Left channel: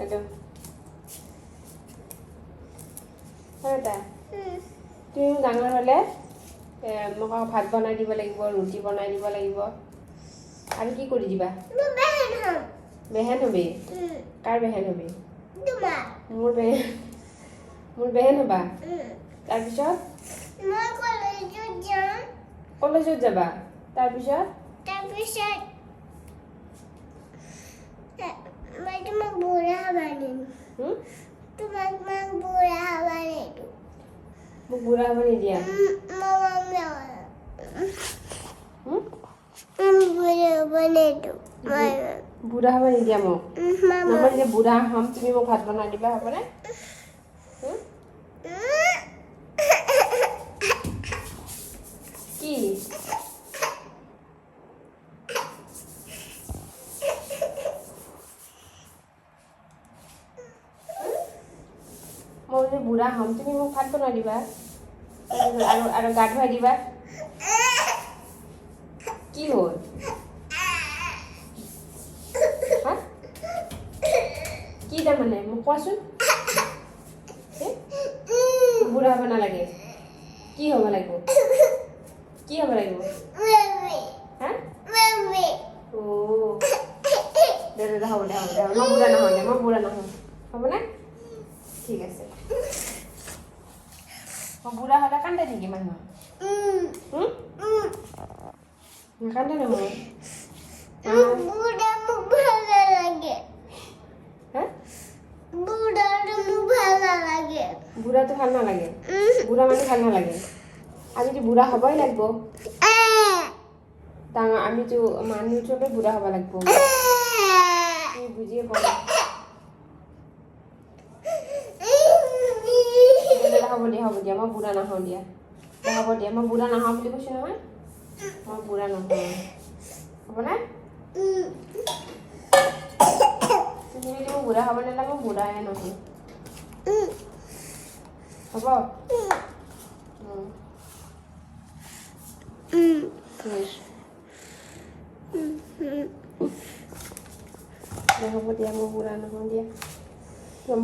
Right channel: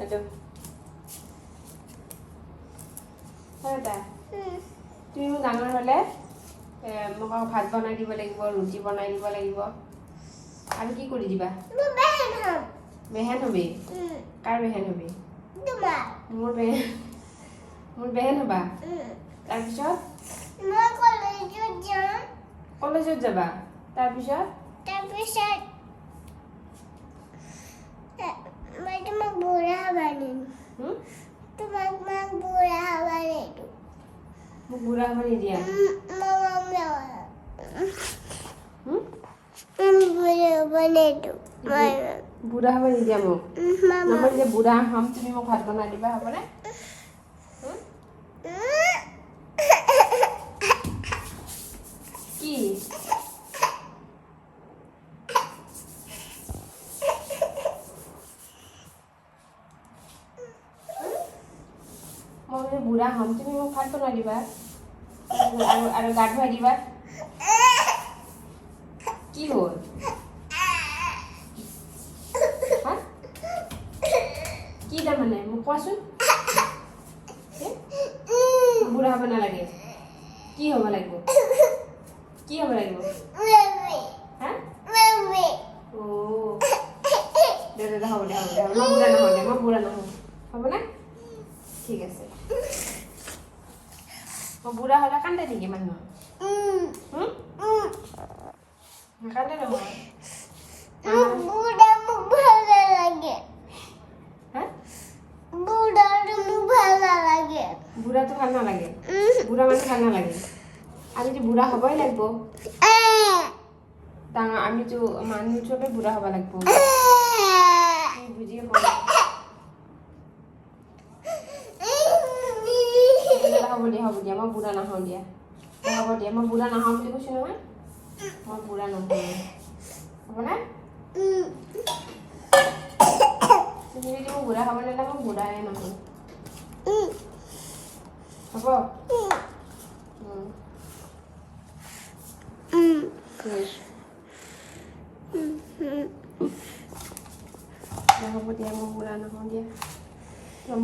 এইটো তুমি ডাঙৰ হ'লে মোক ভাত বনাই দিব লাগিব, ৰুটি বনাই দিব লাগিব, আৰু কি কৰি দিবা? বেহেন হবি? কাৰ বেহেন হবি? মোৰ বেহেন হবা? তাৰপিছত কলেজত যাবা? তাৰপিছত তোমাক বুঢ়া বানিম। মোক বুঢ়া হ'ব নিদিয়া? বুঢ়া হ'ব নিদিয়া মোক? মই যে বুঢ়া হ'ম, তুমি মোক ভাত বনাই দিবা, হ'বনে? কি মই যে বুঢ়া হ'ম, তুমি মোক ভাত বনাই দিবা আৰু গা ধুৱাই দিবা? কি হ'ল? কি তাৰমানে মোক কোৱাচোন? বুঢ়া হ'ব নালাগে? কি হ'ব লাগিব? কি হ'ব লাগিব? দে হ'ব দে, মই বুঢ়া নহওঁ, হ'বনে? ঠিক আছে। মই বুঢ়া হ'লে কান্দে নেকি মানুহ? নাকান্দে নহয়? বুঢ়াটো ভাল নালাগে? বুঢ়া মানুহ ভাল নালাগে? আমিতো বুঢ়া হ'বই লাগিব। আমিতো মানুহ চবেই বুঢ়া হ'ব লাগিব। তুমি বুজিয়ে পোৱা নাই। হ'ব দিয়া, মই বুঢ়া নহওঁ দিয়া। হ'ব দিয়া, মই বুঢ়া নহওঁ বুলি কৈছোঁ নহয়। মই বুঢ়া নহওঁ, হ'বনে? তুমি যদি মোক বুঢ়া হ'ব নিদিলা, মই বুঢ়াই নহওঁ। হ'ব? হ'ব দিয়া, মই বুঢ়া নহওঁ দিয়া।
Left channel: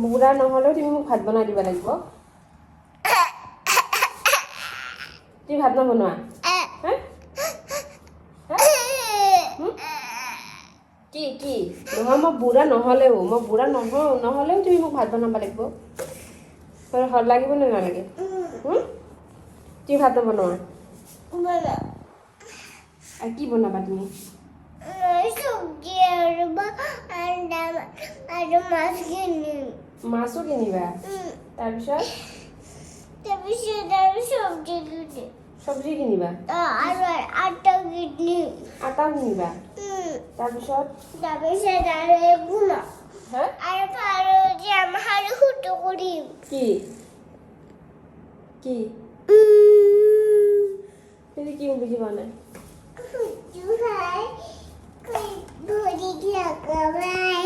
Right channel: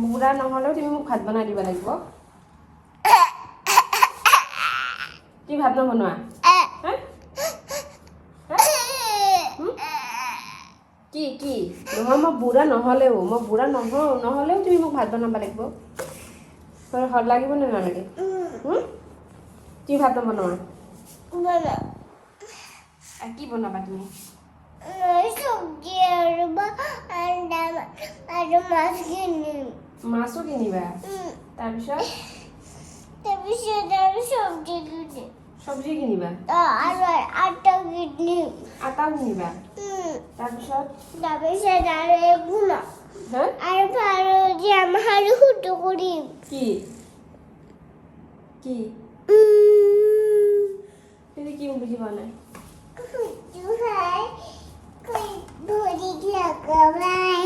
বুঢ়া নহ'লেও তুমি মোক ভাত বনাই দিব লাগিব। তুমি ভাত নবনোৱা? কি নহয়, মই বুঢ়া নহ'লেও তুমি মোক ভাত বনাব লাগিব। ভাল লাগিব নে নালাগে? তুমি ভাত নবনোৱা? আৰু কি বনাবা তুমি? চব্জি আৰু মাছ কিনিম। মাছো কিনিবা? তাৰপিছত আৰু চব্জি কিনিবা? আৰু আটা কিনিম। আটাও কিনিবা? তাৰপিছত আৰু একো হা? আৰু যাম আৰু সুটো কৰিম। কি তুমি কি বুজি পোৱা নাই? ভৰিত লগাবাই